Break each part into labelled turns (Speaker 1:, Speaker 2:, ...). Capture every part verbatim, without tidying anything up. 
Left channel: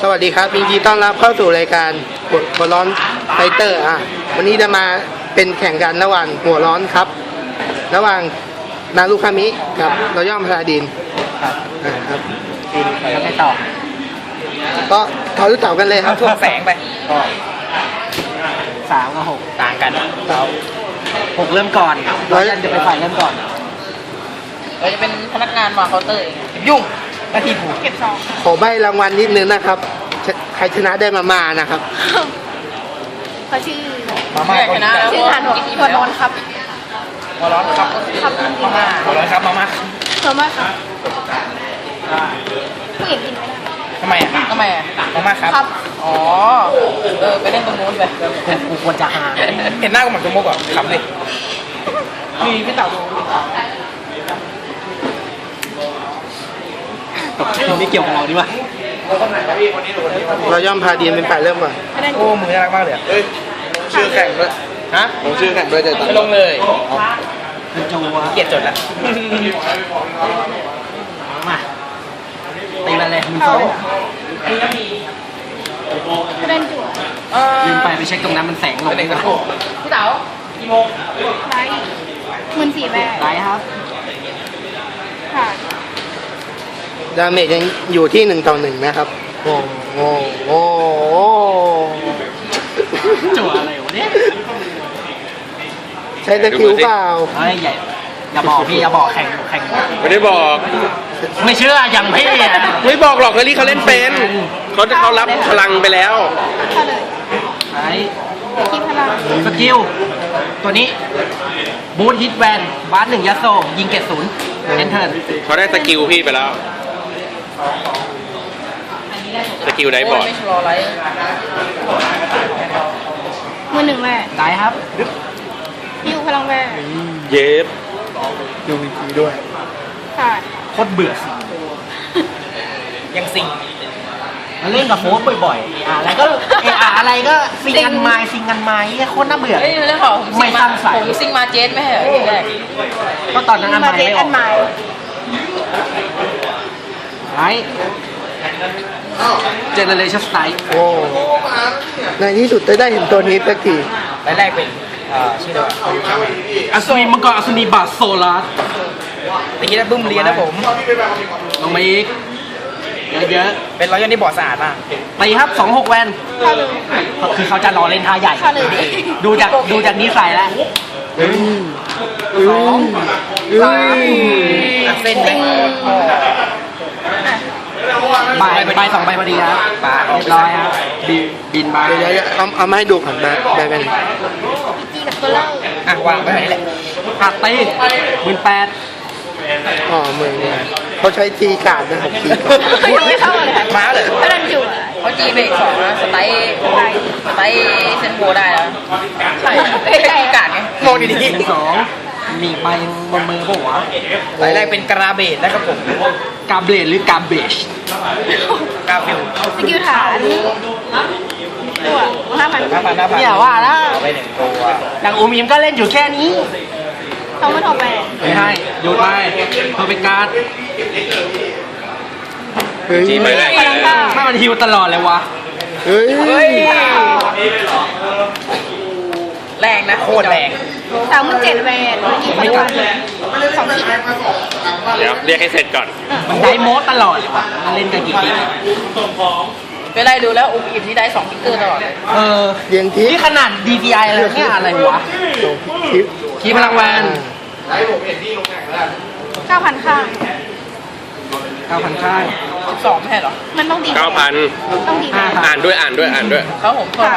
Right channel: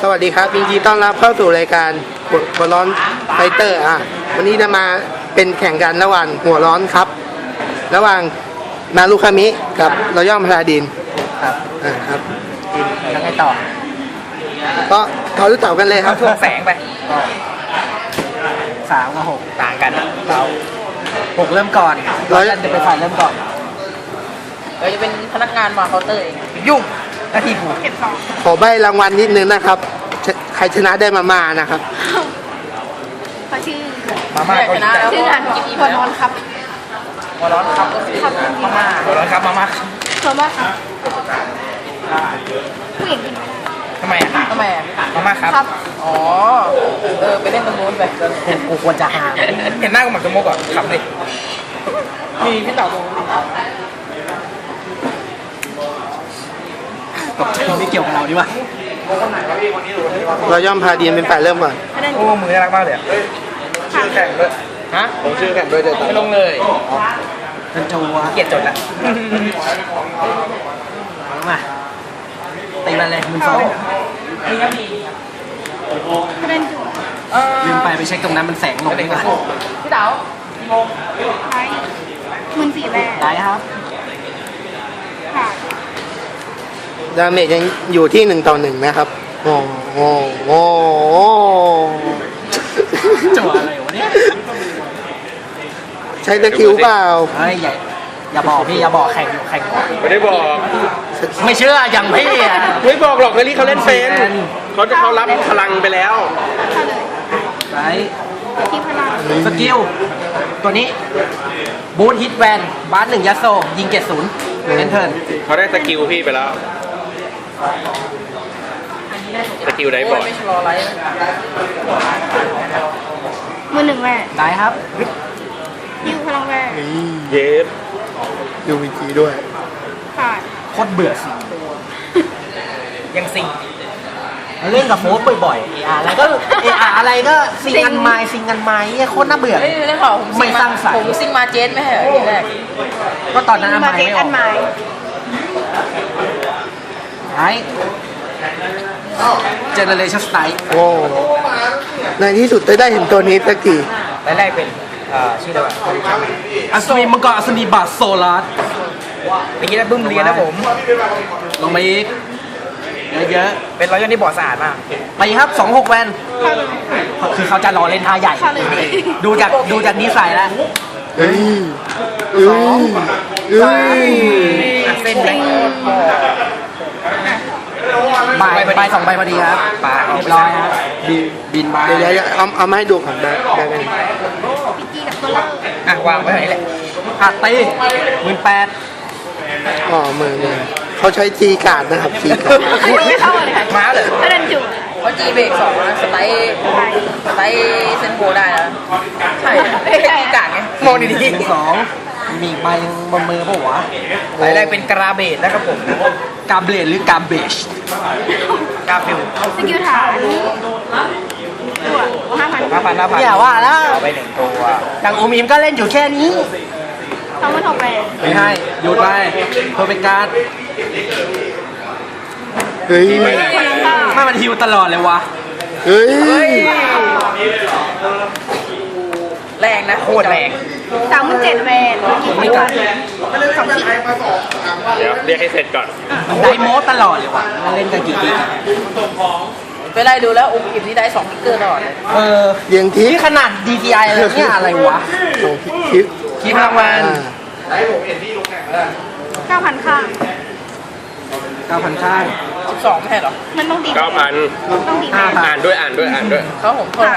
Speaker 1: สวัสดีครับยินดีต้อนรับเข้าสู่รายการหัวร้อนไฟเตอร์อ่ะวันนี้จะมาเป็นแข่งกันระหว่างหัวร้อนครับ ระหว่างนารุคามิกับรอย่อมพาราดิน
Speaker 2: ครับ
Speaker 1: อ่าครับ
Speaker 2: แล้วไงต่อ
Speaker 1: ก็ทอรู้เต่ากันเลยครับ
Speaker 2: ช่วงแสงไปก็สามกับหกต่างกันเราหกเริ่มก่อนเราจะเป็นฝ่ายเริ่มก่อน
Speaker 3: เราจะเป็นพนักงานวางเคาน์เตอร์เอง
Speaker 2: ยุ่งหน้าที่กู
Speaker 3: เก็บของ
Speaker 1: ขอใบรางวัลนิดนึงนะครับชใครชนะได้มามานะครับ
Speaker 4: เขาชื่อ
Speaker 2: มาม่า
Speaker 3: ชนะแล้ว
Speaker 4: ชื่อ
Speaker 3: ก็
Speaker 4: แทนหัวหัวนอนครับ
Speaker 2: หัวร้อนครับก็คือมาม่าหัวร้อนครับมาม่า
Speaker 4: เธอมากครับผู้หญิงกินไม่ได้
Speaker 2: ทำไม
Speaker 3: ทำไมอ่ะ
Speaker 2: มาม่าครับ
Speaker 4: ครับ
Speaker 3: อ๋อ เออ ไปเล่นตรงนู้นไป
Speaker 2: กูกูควรจะหาเห็นหน้ากูเหมือนจมูกอ่ะขำเลยมีพี่เต่าดูตกใจไม่เกี่ยวกับเราดีวะ
Speaker 1: รอย่อมพาราดินเป็นฝ่ายเริ่มก่อน
Speaker 4: ไม่ได้
Speaker 2: โอ้มือน่ารักมากเลยชื่อแข่งด้วยฮะ
Speaker 1: ผมชื่อแข่งด้วยจะ
Speaker 3: ไปลงเลย
Speaker 2: มันจะวัวเกียดจดละมาตีมันเลยมึงสอง
Speaker 4: ไม่ได้จุ่ม
Speaker 3: เออ
Speaker 2: ยืมไปไปเช็คตรงนั้นมันแสงลงดีกว่า
Speaker 3: พี่เต๋ากี่โมง
Speaker 4: ไว้หมื่นสี่แบก
Speaker 2: ได้ครับ
Speaker 4: ค่ะ
Speaker 1: ดาเมจยังอยู่ที่หนึ่งต่อหนึ่งนะครับโอ้โหโอ้โห
Speaker 2: จั่วอะไรวะเนี่ย
Speaker 1: ใช้สกิลเปล่า
Speaker 2: เฮ้ยอย่าอย่าบอกพี่อย่าบอกแข่งแข่ง
Speaker 5: ไม่ได้บอก
Speaker 2: ไม่เชื่ออย่างพี่อ่ะ
Speaker 5: ไม่บอกหรอกเฮลี่เขาเล่นเป็นเขาจะเขารับพลังไปแล้ว
Speaker 4: เข้าเลย
Speaker 2: ไป
Speaker 4: คิดพลัง
Speaker 2: สกิลตัวนี้บูทฮิตแวนบาสหนึ่งยัสโซยิงเกตศูนย์เอนเทิร์น
Speaker 5: เขาได้สกิลพี่ไปแล้ว สกิลไหนบ
Speaker 3: โอ้
Speaker 5: อย ก
Speaker 3: ไม่ชะลอไร
Speaker 4: มือหนึ่งแบก
Speaker 2: ได้ครับ
Speaker 4: ยิวพลังแบก
Speaker 5: เย็บ
Speaker 1: ดูวีจีด้วย
Speaker 4: ค่ะ
Speaker 2: โคตรเบื่อยังซิงเล่นกับโฟสบ่อยๆอ่ะอะไรก็เอออะไรก็ซิงกันไม้ซิงกันไม้โคตรน่าเบื่อ
Speaker 3: เฮ้ยเรื่องของผมซิง
Speaker 2: ไม่ส
Speaker 3: มา
Speaker 2: ร้างสรรค์
Speaker 3: ผมซิงมาเจสไม่ใช่เหรอทีแรก
Speaker 2: ก็ตอนนั้นอัน
Speaker 4: มา
Speaker 2: ไม้
Speaker 4: เจส
Speaker 2: ไม่อ
Speaker 4: อั
Speaker 2: อน ก
Speaker 4: ไม้
Speaker 2: ไอ้เจเนเรชั่นสไตล์
Speaker 1: โอ้ในที่สุดจะได้เห็นตัวนี้สักที
Speaker 2: แรกเป็นชื่ออะไรอัศวินมังกรอัศนีบาทโซลาร์ตะกี้ได้บึ้มเรียนนะผมลงมาอีกเยอะๆเป็นร้อยยนที่บอดสะอาดมากตีครับสองหกแวน
Speaker 4: เข้าเลย
Speaker 2: คือเขาจะรอเล่นท่าใหญ่
Speaker 4: เข้าเลย
Speaker 2: ดูจากดูจากนิสัยแล้ว
Speaker 1: เฮ้ยเฮ้ยเฮ้ย
Speaker 2: เส้นติงใบใบสองใบพอดีครับปากเรียบร้อยครับบินบินมา
Speaker 1: เดี๋ยวเดี๋ยวเอาเอามาให้ดูก่อนแบบแบบนี้
Speaker 4: พิกกี้กับตัวเล่า
Speaker 2: อ่ะวางไว้ไหนแหละหักตีหมื่นแปด
Speaker 1: อ๋อมือเนี่ยเขาใช้ทีการ์ดนะครับทีการ์ด
Speaker 4: ไม่เข้าเลยครับ
Speaker 2: มาเลย
Speaker 4: ไม่ได้จุ่ม
Speaker 3: เขาจีเบรกสองนะสไตล์สไตล์เซนโบได้แล้วใช่ไม่ใช่การไง
Speaker 2: มองดีๆสองมีใบบนมือปะวะรายได้เป็นกราเบดนะครับผมกาเบดหรือกาเบชกาเบด
Speaker 4: สกิลถามตัวห้าพัน
Speaker 2: ห้าพันห้าพันเนี่ยว่าแล้วเอาไปหนึ่งตัวอย่างอูมิมก็เล่นอยู่แค่นี้
Speaker 4: เขาไม่ถอดแบก
Speaker 2: ไม่ให้ดูไปเพอร์เฟกต์การ์ด
Speaker 1: เฮ้ย
Speaker 5: จีไม่แรง
Speaker 4: พลังเข้า
Speaker 2: ถ้ามันฮิวตลอดเลยวะ
Speaker 1: เฮ้ย
Speaker 3: แรงนะ
Speaker 2: โคตรแรง
Speaker 4: สามหมื่นเจ็ดแบกยิว
Speaker 2: ไม่กลับ
Speaker 4: สองขีด
Speaker 5: เดี๋ยวเรียกให้เสร็จก่อน
Speaker 2: ไดโมสตลอดเลยวะมันเล่นกันกี่ที
Speaker 3: ไปไล่ดูแล้วอุ้มอิ่มนี่ได้สองฟิกเกอร์ตลอดเลย
Speaker 2: เออ
Speaker 1: เรียงทิศ
Speaker 2: นี่ขนาด ดี พี ไอ เลยเนี่ยอะไรวะ
Speaker 1: สองทิศ
Speaker 2: คีพลังวัน
Speaker 1: อ่า
Speaker 4: เก้าพันข้าง
Speaker 2: เก้าพันข้าง
Speaker 3: สิบสองไม่ใช่เหรอ
Speaker 4: มันต้องดี
Speaker 5: เก้าพัน
Speaker 4: ต้องดี
Speaker 2: ห้าพัน
Speaker 5: อ่านด้วยอ่านด้วยอ่านด้วย
Speaker 3: เขาผมโทษครับ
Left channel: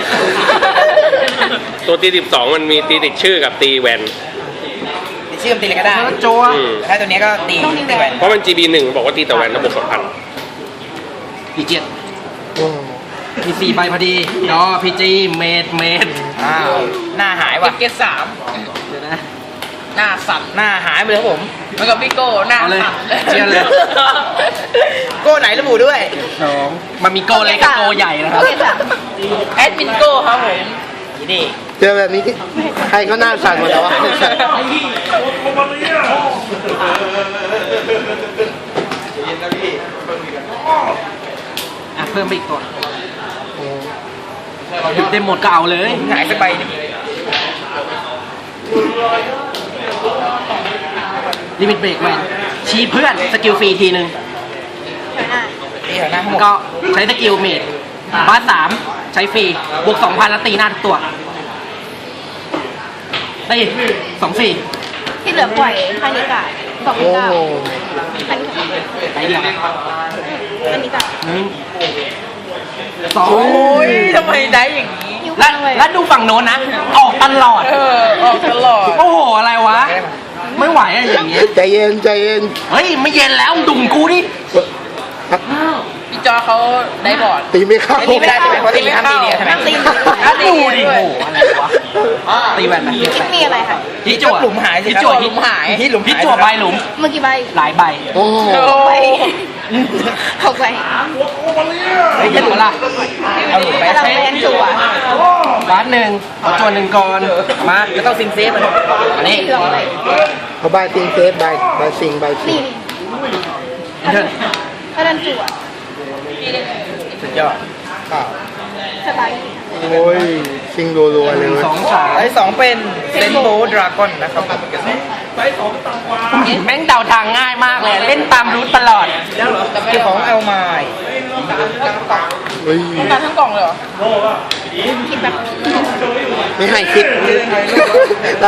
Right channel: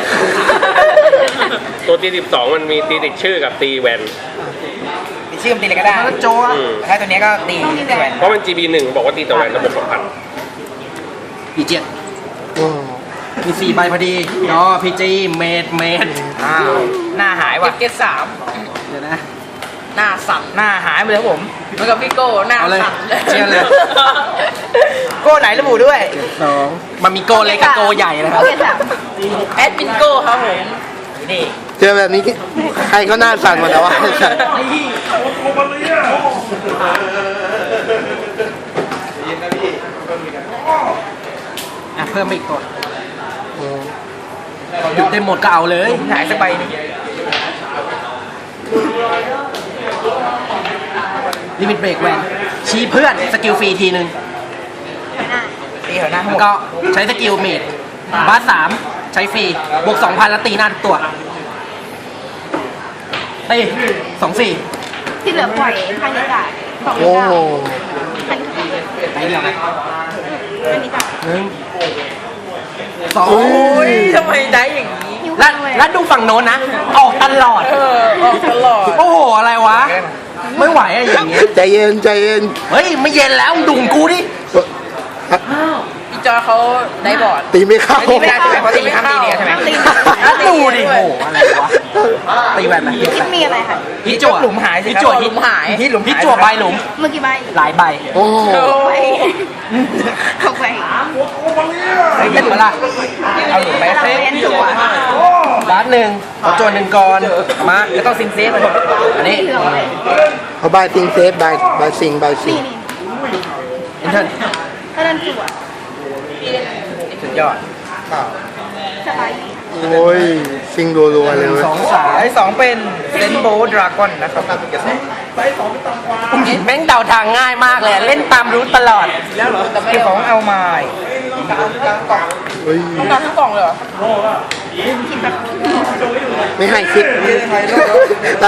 Speaker 5: ตัวตีสิบสองมันมีตีติดชื่อกับตีแวน
Speaker 2: ชื่อมันตีอะไรก็ได้โจว
Speaker 5: อืม
Speaker 2: แล้วตัวนี้ก็ตีตีแหวน
Speaker 5: เพราะมัน จี บี หนึ่งบอกว่าตีแต่แวนระบบสองพัน
Speaker 2: พีเจ็ด
Speaker 1: โอ้
Speaker 2: มีสี่ใบพอดีดอพีจีเมดเมดอ้าวหน้าหาย
Speaker 3: เก็
Speaker 2: ว่ะ
Speaker 3: บเกตสาม
Speaker 2: เดี๋ยวนะ
Speaker 3: หน้าสั่น
Speaker 2: หน้าหายไปเลยครับผม
Speaker 3: แล้วกับพี่โก้หน้า
Speaker 2: เอาเลย
Speaker 3: สั่น
Speaker 2: เชียร์เลย โก้ไหนระบุด้วยสองมันมีโก้เล็กกับโก้ใหญ่นะครับ
Speaker 4: โอเคจ้ะ
Speaker 3: แอดมินโก้ครับผม
Speaker 2: นี่
Speaker 1: เจอแบบนี้ที่ใครก็น่าสั่นหมดแล้ววะ
Speaker 2: อเพิ่มไปอีกตัว
Speaker 1: โอ้
Speaker 2: หยุดได้หมดก็เอาเลย
Speaker 3: หายสักใบหนึ่ง
Speaker 2: ลิมิตเบรกแวนชี้เพื่อนสกิลฟรีทีหนึ่ง
Speaker 3: ตีหัวหน้าทั้งห
Speaker 2: แล้
Speaker 3: ม
Speaker 2: ว
Speaker 3: ด
Speaker 2: ก็ใช้สกิลเมดบาสสามใช้ฟรีบวกสองพันแล้วตีหน้าทุกตัวตีสองสี่
Speaker 4: ที่เหลือปล่อยให้นิกาสอง
Speaker 1: โอ้
Speaker 4: นิกา
Speaker 2: ไหนเดียว
Speaker 4: ให้นิกา
Speaker 2: หนึ่งสอง
Speaker 3: โอ้ยทำไมได้อย่างนี้
Speaker 4: นิ้ว
Speaker 2: แล้ว
Speaker 4: เลย
Speaker 2: แล้วดูฝั่งโน้นนะ ออกตลอด
Speaker 3: เออออกตลอด
Speaker 2: โอ้โห อะไรวะ ไม่ไหวอะอย่างนี้
Speaker 1: ใจเย็นใจเย็น
Speaker 2: เฮ้ย ไม่เย็นแล้วดุ่มกูดิ
Speaker 3: อีจอเขาได้บอร์ด
Speaker 1: ตีไม่เข้า
Speaker 3: ตีไม่ได้ใช่ไหมเพราะตีไม่เข้า
Speaker 4: ตี
Speaker 3: แล้วตี
Speaker 2: ดูดิ
Speaker 3: ด้ว
Speaker 2: โอ้
Speaker 3: ย
Speaker 2: โหอะไรวะตีแวนไหม
Speaker 4: คิดมีอะไรคะ
Speaker 2: ฮิตจั่ว
Speaker 3: หลุมหายสิ
Speaker 2: ฮิต
Speaker 3: ครับ
Speaker 2: จั่ว
Speaker 3: หลุมหาย
Speaker 2: ฮิตหลุมฮิตจั่วใบหลุม
Speaker 4: เมื่อกี่ใบ
Speaker 2: หลายใบ
Speaker 1: โอ้
Speaker 3: โอ้
Speaker 4: ใบ
Speaker 3: ย
Speaker 4: หกใบ
Speaker 2: เห็นปะล่ะ
Speaker 3: เอาหลุมไป
Speaker 4: เรา
Speaker 3: เฟ
Speaker 4: เล่น
Speaker 3: ส
Speaker 4: ตัว
Speaker 2: บาสหนึ่งขอจวนหนึ่งก่อนมา
Speaker 3: แล้วต้องซินเฟสมัน
Speaker 2: อันนี้
Speaker 4: นี่เหลืองอะไร
Speaker 1: เอาบายติงเซฟบายบายซิงบายซิ
Speaker 4: นี่
Speaker 1: ง
Speaker 4: นี่
Speaker 2: เพื่อน
Speaker 4: ก็เล่นจั่ว
Speaker 3: สุดยอด
Speaker 4: สบาย
Speaker 1: โอ้ยซิงรัวๆเลยเว้ย
Speaker 2: สองสาม
Speaker 3: ไอ้สองเป็นเซนโบดราก้อนนะครับ
Speaker 2: แม่งเดาทางง่ายมากเลย เล่นตามรู้ตลอด
Speaker 3: คือของเอาไมาย
Speaker 1: เฮ้ย
Speaker 3: ต้องการทั้งกล่องเลยเหรอ
Speaker 4: คิดแบบ
Speaker 1: ไม่ให้คิดแล้ว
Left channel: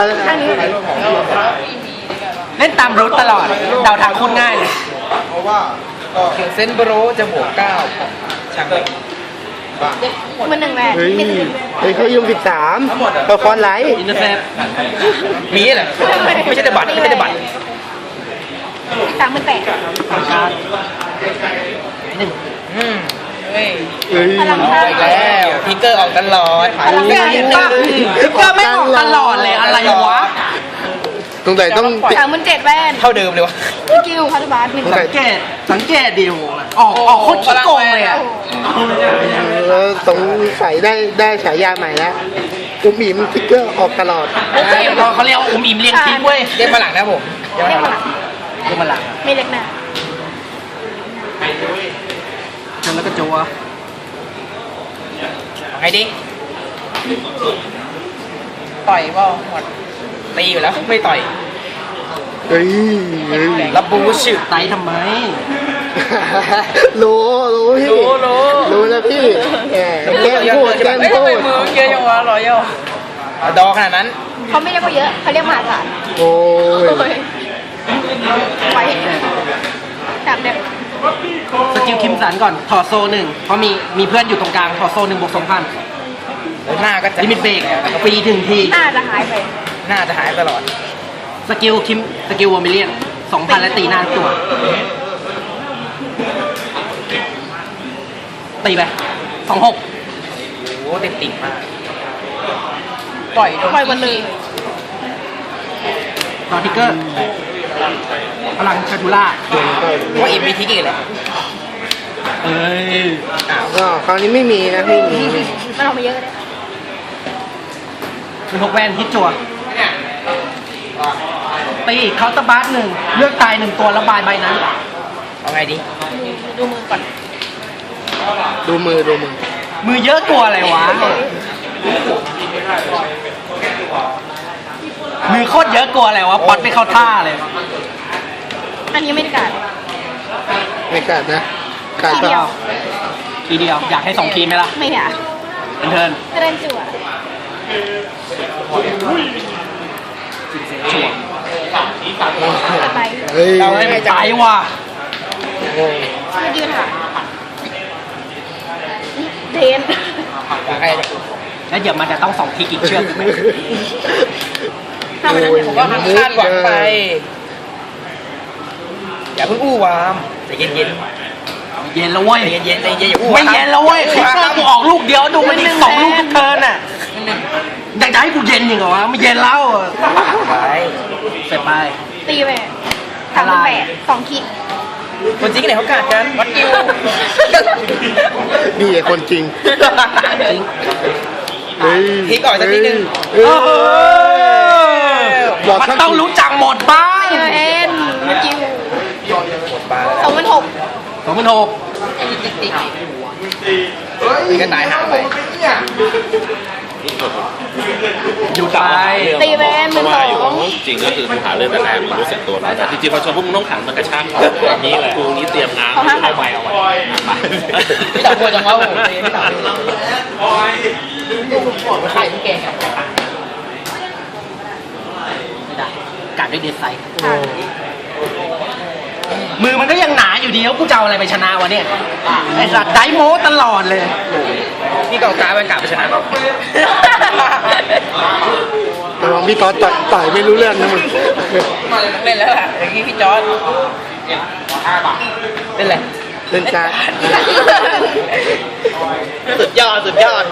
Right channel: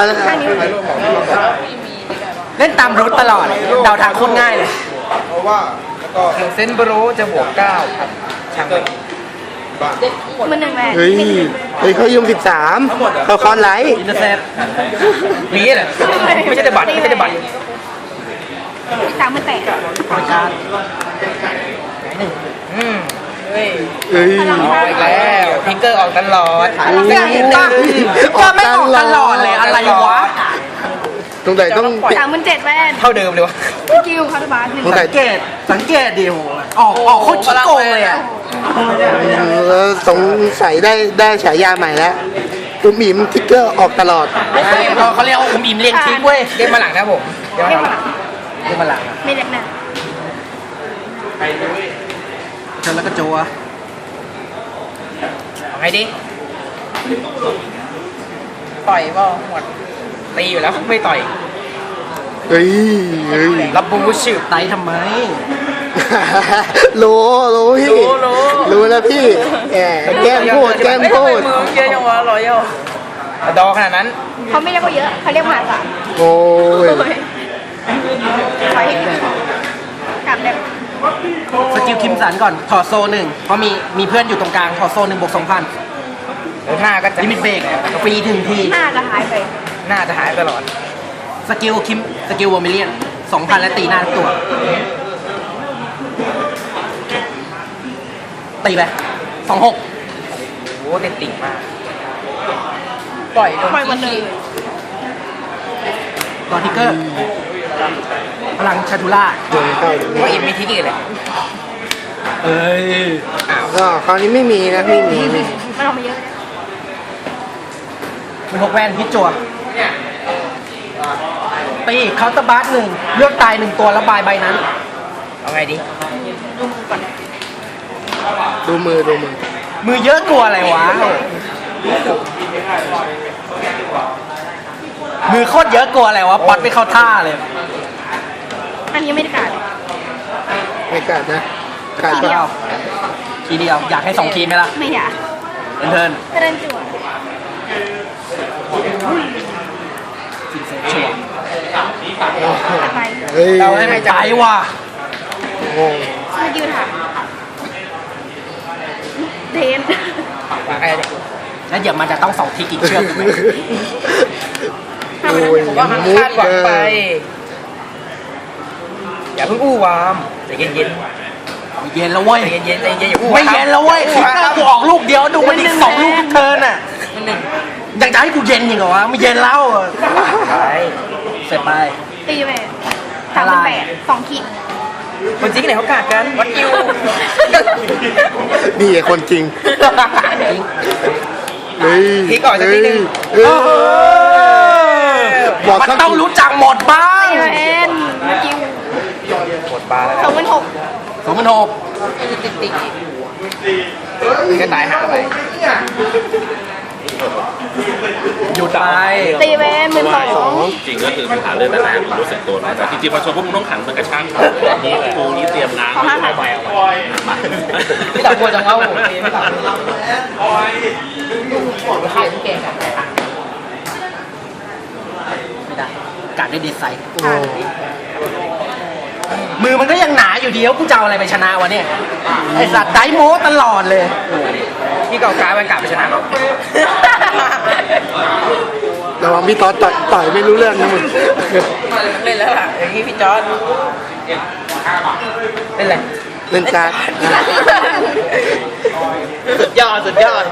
Speaker 2: เล่นตามรู้ตลอด เดาทางโคตรง่ายเลย
Speaker 3: เซนโบโรจะบวกเก้าครับช่าง
Speaker 4: มันหนึ่งไง
Speaker 1: เฮ้ยเฮ้ยเขายุ่งสิบสามเขาคอนไลท์
Speaker 2: อินเตอร์เฟซ
Speaker 3: นี้เหรอไม่ใช่แต่บัตรไม่ใช่แต่บัตร
Speaker 4: สามหมื่นแปด
Speaker 3: อืมเฮ้ย
Speaker 1: เฮ้ย
Speaker 3: เอาอีกแล้วพิกเกอร์ออกตลอด
Speaker 2: เห็นปะก็ไม่ออกตลอดเลยอะไรวะ
Speaker 1: ตรงไหนต้องติด
Speaker 4: สามหมื่นเจ็ดแวน
Speaker 3: เท่าเดิมเลยวะ
Speaker 4: สกิลคาร์ดบาร์หนึ่ง
Speaker 1: ตรงไหน
Speaker 2: สังเกต สังเกตดิโหออกออกโคตรขี้โกงเลยอะ
Speaker 1: เออสงสัยได้ได้ฉายาใหม่แล้วอุ้มอิมทิกเกอร์ออกตลอด
Speaker 2: เขาเขาเรียกว่าอุ้มอิ่มเลี้ยงทิ้งเว้ย
Speaker 3: เรียกมาหลังนะผมเดี๋ยว
Speaker 4: เรีย
Speaker 3: มาก หลัง
Speaker 2: เรียกมาหลัง
Speaker 4: ไม่เรียกเนี่ย
Speaker 2: จนแล้วก็จัว
Speaker 3: เอาไงดิต่อยเปล่าหมดตีอยู่แล้วไม่ต่อย
Speaker 1: เฮ้ยเฮ้ย
Speaker 3: รับบูชิ
Speaker 2: ไตทำไม
Speaker 1: รู้รู้พี่
Speaker 3: รู้รู้
Speaker 1: รู้แล้วพี่แหมแกล้งพูดแกล้ง
Speaker 3: ไม่
Speaker 1: พู
Speaker 3: ทำไม
Speaker 1: ด
Speaker 3: มือเยอะจังวะรอยย่อดอขนาดนั้น
Speaker 4: เขาไม่เรียกว่าเยอะเขาเรียกมหาศาล
Speaker 1: โอ้ย
Speaker 4: กลับแบบ
Speaker 2: สกิลคิมสันก่อน ถอดโซหนึ่งเพราะมีมีเพื่อนอยู่ตรงกลาง ถอดโซหนึ่งบวกสองพัน
Speaker 3: หน้าก็จะ
Speaker 2: ลิมิตเบรกฟรีถึงที
Speaker 4: หน้าจะหายไป
Speaker 3: หน้าจะหายตลอด
Speaker 2: สกิลคิม สกิลวอร์มิเลียนสองพันและตีหน้าทุกตัว ตีไปสองหก
Speaker 3: โอ้โหเด็กติ่งมากปล่อยโดน
Speaker 4: ปล่อยหมดเลย
Speaker 2: ต่อทิกเกอร์ พลังชาทูล่า
Speaker 1: โดนเข้า
Speaker 3: ว่าเอ็มมีทิกอีกเหรอ
Speaker 2: เอ้ย
Speaker 1: ก็คราวนี้ไม่มีนะไม่มี
Speaker 4: มันออกมาเยอะ
Speaker 2: มีหกแวนฮิตจั่วตีเคาน์เตอร์บาร์หนึ่งเลือกตายหนึ่งตัวระบายใบนั้น
Speaker 3: เอาไงดิ
Speaker 4: ดูมือก่อน
Speaker 1: ดูมือดูมือ
Speaker 2: มือเยอะกลัวอะไรวะ มือโคตรเยอะกลัวอะไรวะป๊อตไม่เข้าท่าเลย
Speaker 4: อันนี้ไม่ได้กล่าว
Speaker 1: ไม่กัดนะกัด
Speaker 4: ที
Speaker 1: ปะ
Speaker 4: เดียว
Speaker 2: ทีเดียว อยากให้สองทีมไหมล่ะ
Speaker 4: ไม่อยาก
Speaker 2: เป็นเทิร์น
Speaker 4: ก็เล่นจั่ว
Speaker 2: ชัวร์
Speaker 4: อะไร
Speaker 1: เฮ้ย
Speaker 2: เล่นไปว่ะ
Speaker 1: โอ้
Speaker 4: ไม่ยืนค่ะเทน
Speaker 3: อยากให้
Speaker 2: แล้วเดี๋ยวมันจะต้องสองทีกี่เชือก
Speaker 1: โอ้ย
Speaker 3: ผมว่าหันคาดหวังไป อย่าเพิ่งอู้วามใจเย็นๆ
Speaker 2: เย็นแล้วเว้ย
Speaker 3: ใจเย็นๆใจเย็นๆอย่าอู้
Speaker 2: ไม่เย็นแล้วเว้ยคิกเกอร์กูออกลูกเดียวดูมันอีกสองลูกทุกเทิร์นอ่ะ
Speaker 3: หนึ่ง
Speaker 2: อยากจะให้กูเย็นจริงเหรอวะไม่เย็นแล้ว
Speaker 3: ไป
Speaker 2: เสร็จไป
Speaker 4: ตีแหวนสามหมื่นแปดสองคิก
Speaker 3: คนจริงไหนเขากัดกันวัดคิว
Speaker 1: นี่ไอ้คนจริงเฮ้ย
Speaker 3: พลิกออกจากนิดนึง
Speaker 1: เฮ้ย
Speaker 2: เออ
Speaker 1: บอก
Speaker 2: มัน
Speaker 1: สัก
Speaker 2: ต้องรู้จักหมดบ้าง
Speaker 4: ตีแหวนสกิล
Speaker 3: ปวดบาแล้ว
Speaker 4: สองหมื่นหก
Speaker 2: สองพันหก
Speaker 3: ติ๊กติ๊กติ๊กมีกระต่ายหางไป
Speaker 5: อยู่ไป
Speaker 4: ตีแวนหนึ่งสอง
Speaker 6: จริงก็คือหาเรื่องแต่ไหนมันรู้สึกตัวนะจริงๆพอชมพวกมึงต้องขังมันกระชากเขาแบบนี้แหละกูนี่เตรียมงานไม่เอาไปเอาไป
Speaker 3: พี่ตักบัวจังวะผมตีพี่ตักบัวไข่พี่แกงครับ
Speaker 2: กัดด้วยเดซไซด์มือมันก็ยังหนาอยู่ดีแล้วกูจะเอาอะไรไปชนะวะเนี่ยไอ้สัตว์ไดโมตลอดเลย
Speaker 3: พี่เก่าตาเป็นกาไปชนะ
Speaker 1: ระวังพี่ต๊อดต่อยต่อยไม่รู้เรื่องนะมึง
Speaker 3: เล่นแล้วล่ะอย่างนี้พี่จอร์ดเล่นอะไร
Speaker 1: เล่นการ์ดนะ
Speaker 3: สุดยอดสุดยอด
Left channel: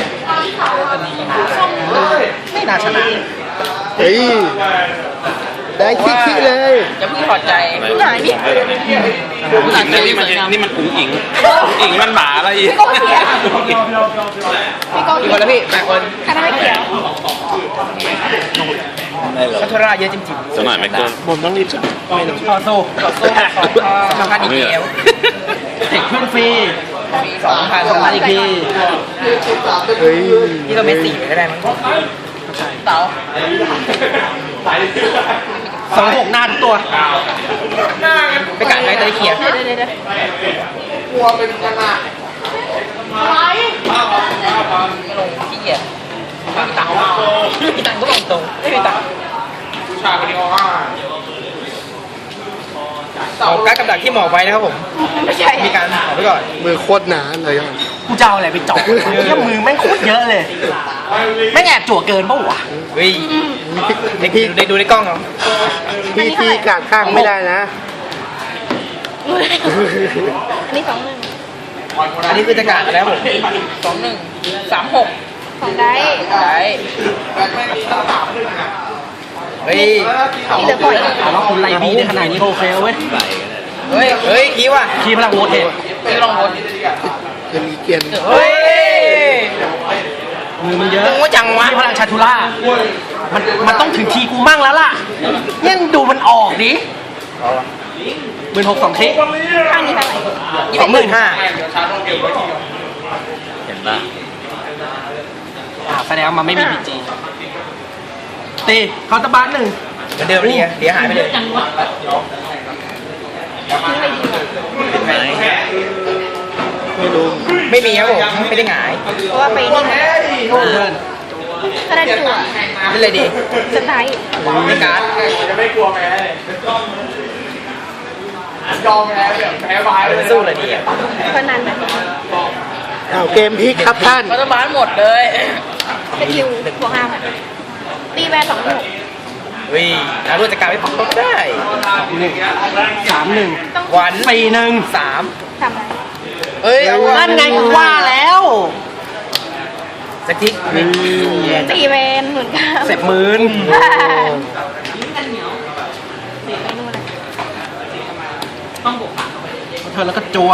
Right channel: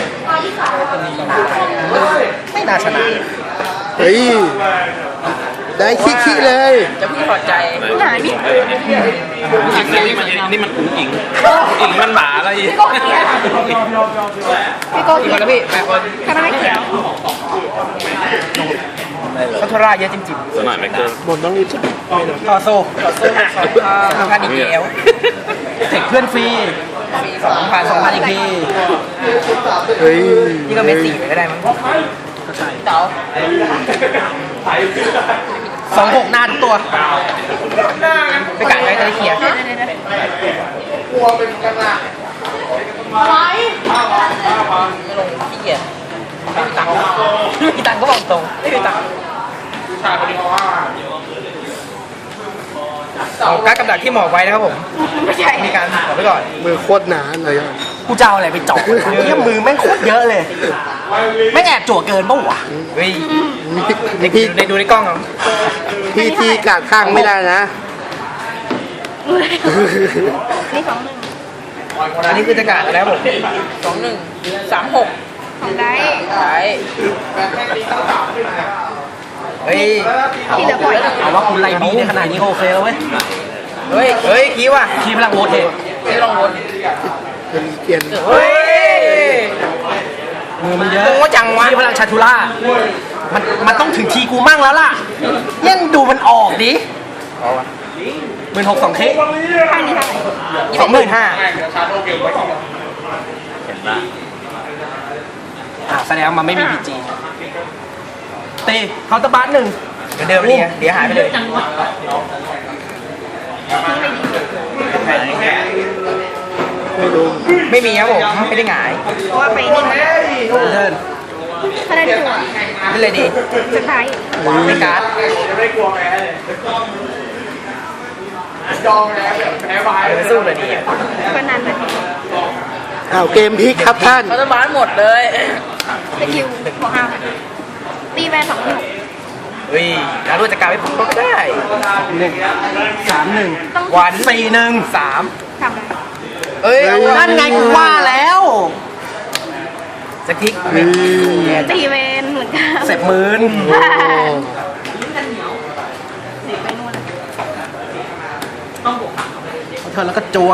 Speaker 2: ไม่น่าชนะ
Speaker 1: เฮ้ย ได้ขี้ๆเลย
Speaker 3: จะพี่พอใจ
Speaker 4: หนาดิ
Speaker 6: อิงนี่มันนี่มันอุ้งอิงอิงมันหมาอะไรอีก
Speaker 4: พี่โก้เขียวพี่โก้
Speaker 3: กี่
Speaker 4: เขี
Speaker 3: ค
Speaker 4: ย
Speaker 3: นแล้ว
Speaker 4: ว
Speaker 3: พี่แปดคน
Speaker 4: คณะไม่เขียว
Speaker 3: คัทราเยอะจริง
Speaker 6: สมัยไม่เกิน
Speaker 1: ผมต้องรีบจับไม่ต้อง
Speaker 2: พอโซ่
Speaker 3: ๆขอสู้สองพันสองพันอีกแล้ว
Speaker 2: เทคเพื่อนฟรี
Speaker 3: สองพัน
Speaker 2: สองพันอีกที
Speaker 1: เฮ้ย
Speaker 3: นี่เราไม่สี่ก็ได้มั้งเต๋า
Speaker 2: สองหกหน้าทุกตัว
Speaker 3: ไปจ่ายไปไปเคลียร์
Speaker 4: เดี๋ยวเดี๋ยวเดี๋ยว
Speaker 3: ไม่ลงขี้เกียจไม่มีตังค์ไม่มีตังค์ก็บอกตรงไม่มีตังค์เอาการดกำดักที่หมอบไว้นะครับผม
Speaker 4: ไม่ใช่
Speaker 3: มีการหาไว้ก่อน
Speaker 1: มือโคตรหนาเลยอ่ะ
Speaker 2: กูจะเอาอะไรไปเจาะเยี่ยมือแม่งโคตรเยอะเลย ไม่งแอบจั่วเกินปะวะ
Speaker 3: เฮ้ย
Speaker 1: พี่
Speaker 3: ดูในดูในกล้องเขา
Speaker 1: พี่ที่กาดข้างไม่ได้นะ
Speaker 4: นี่สองหนึ่ง
Speaker 3: อันนี้คือจะกาดแล้วผมสองหนึ่งสามหก
Speaker 4: สองได้
Speaker 3: ได้เฮ้ย
Speaker 4: ที่เหลือก่อน
Speaker 2: เอาว่าคุณไล่บีได้ขนาดนี้ก็โอเคแล้วเว้ย
Speaker 3: เฮ้ยเฮ้ยคีว่ะ
Speaker 2: คีพลังโหวตเอง
Speaker 3: ไม่ลองวน
Speaker 1: จะมีเกียน
Speaker 3: เฮ้ย
Speaker 2: มือมันเยอะ
Speaker 3: โง่จังวะ
Speaker 2: คีพลังชาทูล่ามันมันต้องถึงทีกูมั่งแล้วล่ะยังดูมันออกดิ
Speaker 3: เอาวะ
Speaker 2: หมื่นหกสองคลิก
Speaker 4: ข้างนี้เท่าไหร่
Speaker 3: ยี่สิบหมื่นห้า
Speaker 6: เห็นปะ
Speaker 2: อ่าแสดงว่ามันไม่มีพีจีตีเคาน์เตอร์บาร์หนึ่ง
Speaker 3: เหมือนเดิมนี่ไงเดี๋ยวหายไปเลย
Speaker 4: ทิ้งเลยดี
Speaker 1: ไม่รู้
Speaker 3: ไม่มีครับผมไม่ได้หงาย
Speaker 4: เพราะว่าไปนี่มา
Speaker 2: เดิน
Speaker 4: คะแนนจั่ว
Speaker 3: นี่เลยดี
Speaker 4: สุดท้าย
Speaker 3: เป็นการ์ดเออสู้เลยดี
Speaker 4: ก็นั้น
Speaker 1: อ้าวเกมพลิกครับท่าน
Speaker 3: รัฐบาลหมดเลย
Speaker 4: สกิลบวกห้าตีแวนสองหนึ่ง
Speaker 3: เฮ้ยแล้วรู้จักการไม่พบได้
Speaker 2: หนึ่งสามหนึ่ง
Speaker 3: วัน
Speaker 2: สี่หนึ่ง
Speaker 3: สาม
Speaker 4: สาม
Speaker 3: เอ้ยเอาวะ
Speaker 2: นั่นไงกูว่าแล้ว
Speaker 3: สกิท
Speaker 1: อืม
Speaker 4: ตีแวนหมื่นเก้า
Speaker 2: เสร็จหมื่น
Speaker 1: โอ้
Speaker 2: เธอแล้วก็จัว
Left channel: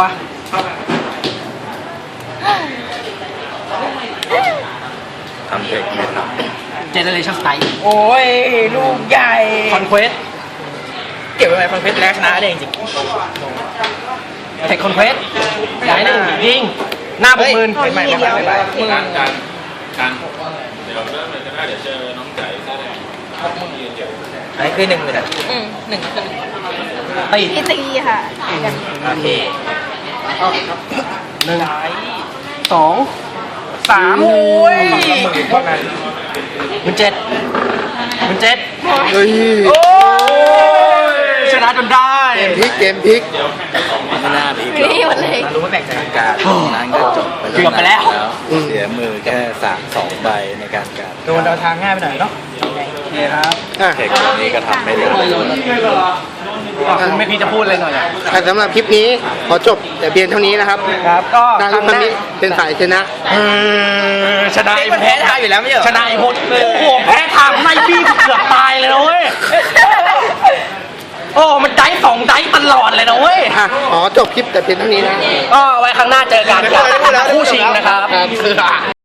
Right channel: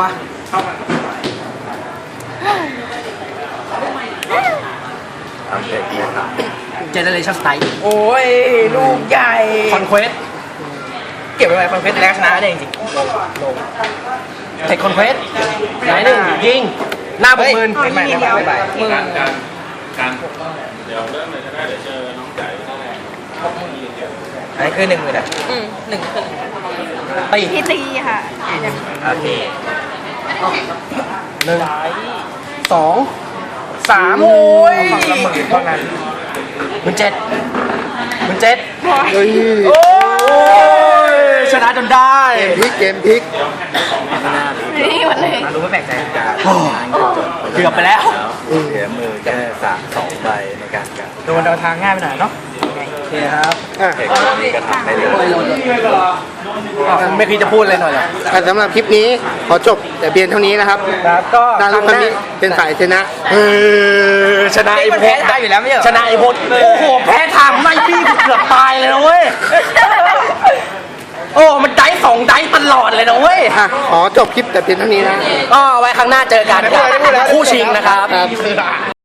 Speaker 2: เจเนเรชั่นสไตล์
Speaker 3: โอ้ยลูกใหญ่
Speaker 2: คอนเควส
Speaker 3: เก็บไว้ไหมคอนเทนต์แรกชนะได้จริง
Speaker 2: เทคคอนเควสย้ายหนึ่งยิงหน้าบ
Speaker 3: เฮ้
Speaker 2: ก
Speaker 3: ย
Speaker 2: หมื่น
Speaker 3: ไม่ไม่ไม่ไม่ไม่มือ
Speaker 6: การการการเดี๋ยวเริ่มเลยจะได้เดี๋ยวเจอน้องใจ
Speaker 3: อันนี้คือหนึ่งเลยนะ
Speaker 4: อืมหนึ่งคือหนึ่ง
Speaker 2: ตี
Speaker 4: พี่ตีค่ะ
Speaker 3: โอเค
Speaker 2: หนึ่งสอง
Speaker 3: สามโอ้ยฝั่งละหมื่นเท่านั้น
Speaker 2: หนึ่งเจ็ดหนึ่งเจ็ด
Speaker 1: เฮ้ย
Speaker 3: โอ้ย
Speaker 2: ชนะจนได้
Speaker 1: เกมพลิกเกมพลิก
Speaker 4: ไม่ได้หมดเลย
Speaker 3: รู้ว่าแบ่งใจกัน
Speaker 2: โอ้เกือบไปแล้ว
Speaker 1: อืม
Speaker 7: เสียมือแค่สามสองใบในการการ
Speaker 3: โดนเดินทางง่ายไปหน่อยเนาะ
Speaker 2: โอเคครับ
Speaker 1: อ่ะ
Speaker 7: เทคนี้ก็ทำไม่ได้
Speaker 2: คุณไม่คิดจะพูดเลยหน่อยเหรอ
Speaker 1: อ่ะสำหรับคลิปนี้ขอจบแต่เพียงเท่านี้นะครับ
Speaker 3: ครับก็
Speaker 1: นารุคามิเป็นฝ่ายชนะ
Speaker 2: เออชนะไอ้
Speaker 3: มัน
Speaker 2: พ
Speaker 3: แพ้
Speaker 2: จน์
Speaker 3: ทางอยู่แล้วไม่ใช่เหรอ
Speaker 2: ชนะไอ้พจน์โอ้โหแพ้ทางไล่บี้เกือบตายเลยนะเว้ย โอ้ มันได้สองได้ตลอดเลยนะเว้ย
Speaker 1: อ่ะขอจบคลิปแต่เพียงเท่านี้นะ
Speaker 2: ก็ไว้ครั้งหน้าเจอกันกับคู่ชิงนะครับ
Speaker 1: ครับ